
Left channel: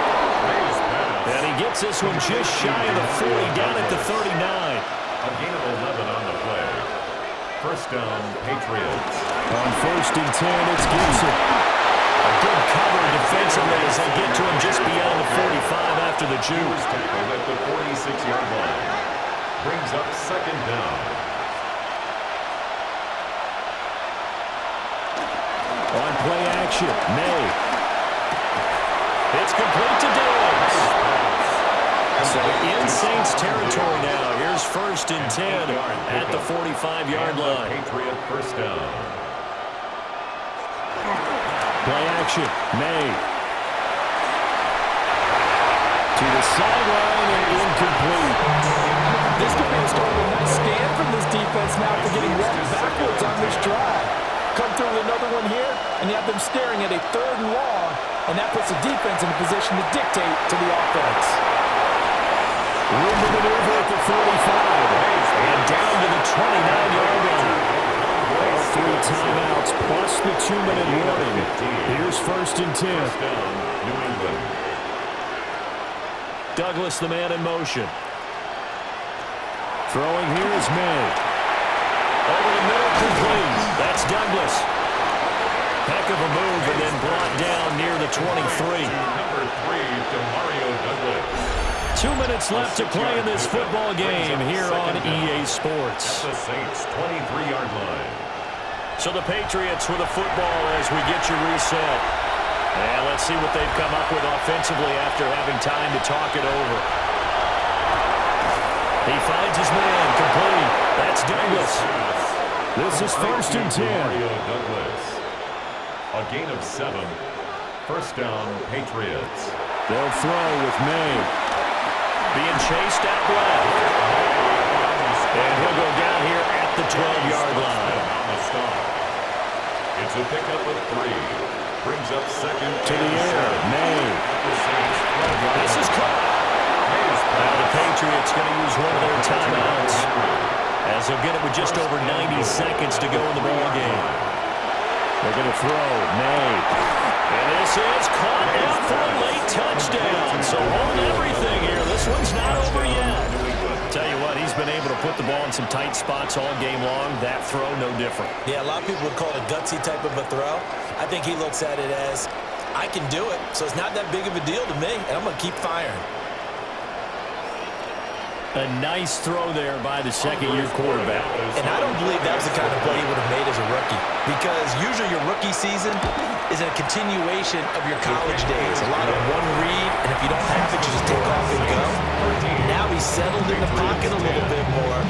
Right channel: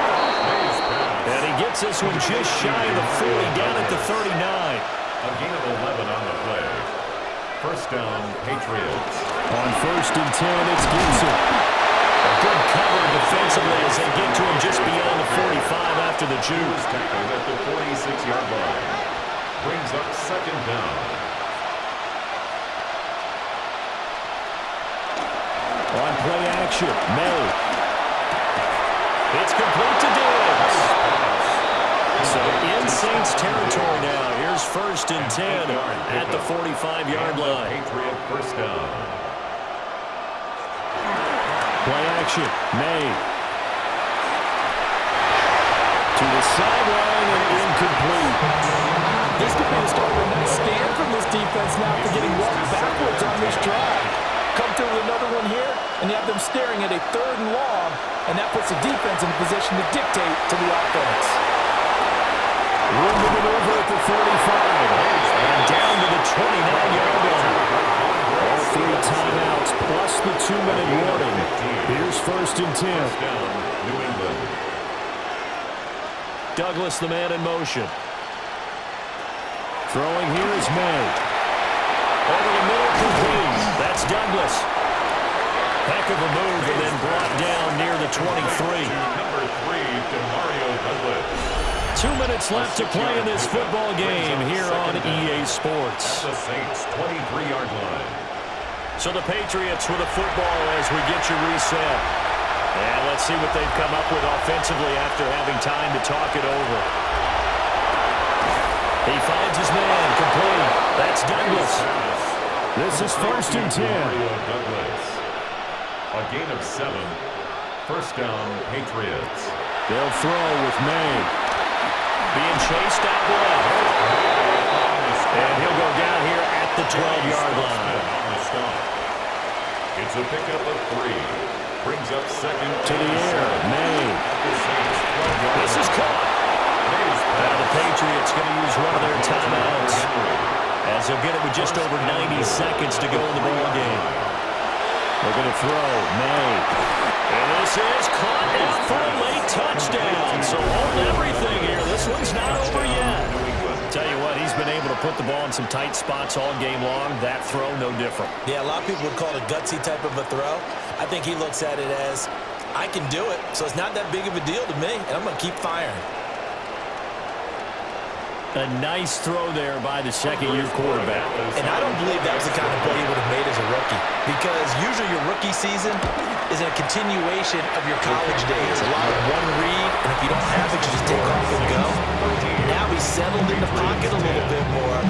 And he gets this one just shy of the 40, down at the 39. A gain of 11 on the play. First down, Patriots. On first and 10, it's Gibson. A good cover defensively as they get to him just beyond the 45 after the juke. He was tackled at the 46-yard line. Brings up second down. On play action, May. It's complete to Diggs. So in Saints territory now. Here's first and 10 at the 45-yard line. Patriot first down. Play action, May. To the sideline and incomplete. This could be the start of a nice stand from this defense now after getting walked backwards on this drive. come through with another one here, and you have them staring at a 3rd and long, and that puts the defense in a position to dictate to the offense. Room to maneuver at the 35, and down to the 29-yard line. All 3 timeouts plus the 2-minute warning. Here's 1st and 10. First down, New England. Douglas, the man in motion. Throwing here is May. Over the middle, complete. That's Douglas. Heck of a move, and then brought down near the 23. Number 3, Demario Douglas. 2 minutes left to play in this football game here on EA Sports. At the Saints' 23-yard line. So the Patriots with a football as we get you reset. And let's see what they've come up with offensively after having time to talk it over. He finds his man, complete. That's Douglas. This is 1st and 10. Demario Douglas. A gain of 7. First down, Patriots. They'll throw with May. Being chased out left. And he'll go down here at the 12-yard line. On the stop. It's a pickup of 3. Brings up 2nd To the air, May. This is caught. Now the Patriots going to use one of their timeouts, as they'll get it with just over 90 seconds to go in the ball game. We're going to throw May. And this is caught out for a late touchdown. So hold everything here. This one's not over yet. Tell you what, he's been able to put the ball in some tight spots all game long. That throw, no different. Yeah, a lot of people would call it a gutsy type of a throw. I think he looks at it as, I can do it, so it's not that big of a deal to me, and I'm going to keep firing. A nice throw there by the second-year quarterback. And I don't believe that was the kind of play he would have made as a rookie, because usually your rookie season is a continuation of your college days. A lot of one read, and if you don't have it, you just take off and go. Now he's settled in the pocket a little bit more,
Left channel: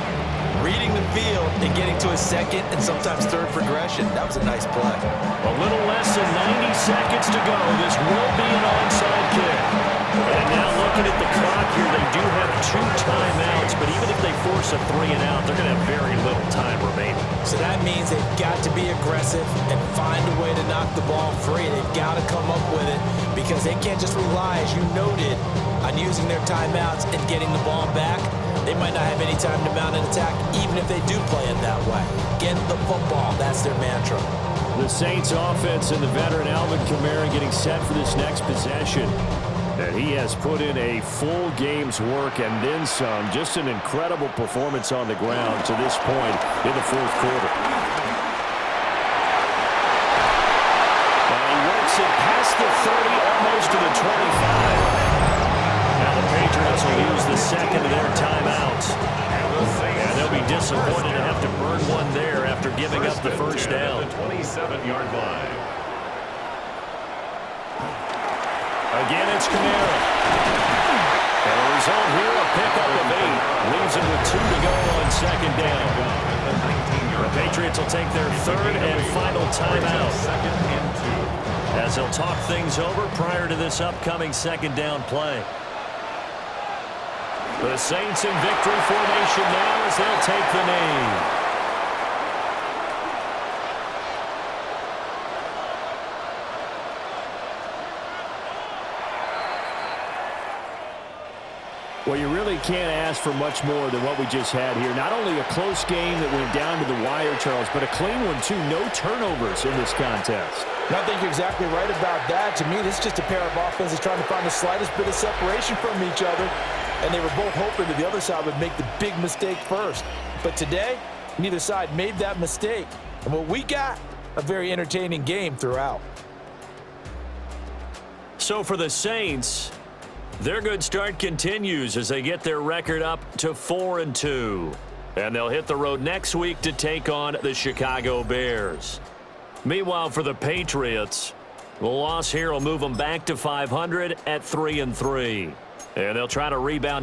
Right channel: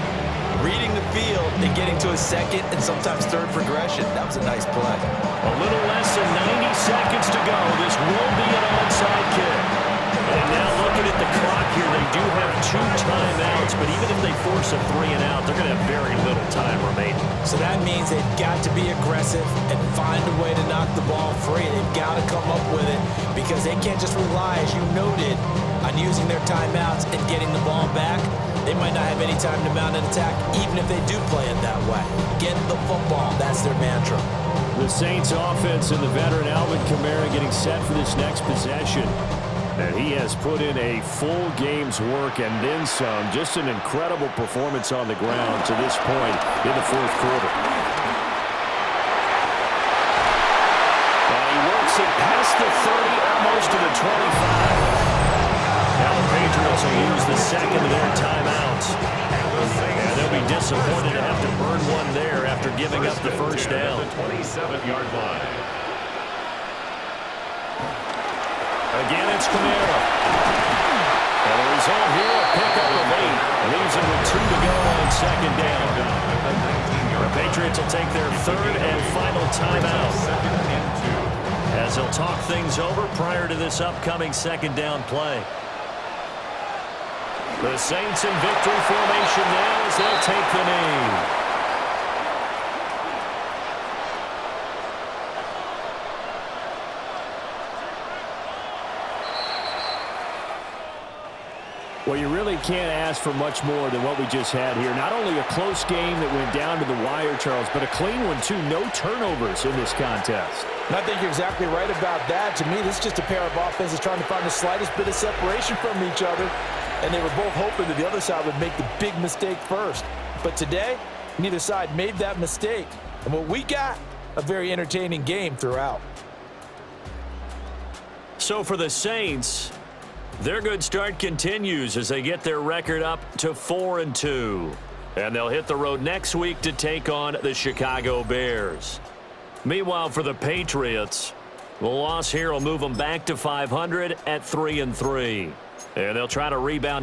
reading the field and getting to his 2nd and sometimes 3rd progression. That was a nice play. A little less than 90 seconds to go. This will be an onside kick. And now looking at the clock here, they do have 2 timeouts, but even if they force a 3 and out, they're going to have very little time remaining. So that means they've got to be aggressive and find a way to knock the ball free. They've got to come up with it because they can't just rely, as you noted, on using their timeouts and getting the ball back. They might not have any time to mount an attack, even if they do play it that way. Get the football. That's their mantra. The Saints offense and the veteran Alvin Kamara getting set for this next possession. And he has put in a full game's work and then some. Just an incredible performance on the ground to this point in the 4th quarter. And he works it past the 30, almost to the 25. Now the Patriots will use the 2nd of their timeouts. And they'll be disappointed to have to burn one there after giving up the first down. At the 27-yard line. Again, it's Kamara. And the result here, a pickup of 8. Leaves him with 2 to go on 2nd down. The Patriots will take their 3rd and final timeout, 2nd and 2. as they'll talk things over prior to this upcoming 2nd down play. The Saints in victory formation now as they'll take the knee. Well, you really can't ask for much more than what we just had here. Not only a close game that went down to the wire, Charles, but a clean one, too. No turnovers in this contest. And I think you're exactly right about that. To me, this is just a pair of offenses trying to find the slightest bit of separation from each other. And they were both hoping that the other side would make the big mistake first. But today, neither side made that mistake. And what we got, a very entertaining game throughout. So for the Saints, their good start continues as they get their record up to 4-2. And they'll hit the road next week to take on the Chicago Bears. Meanwhile, for the Patriots, the loss here will move them back to 500 at 3-3. And they'll try to rebound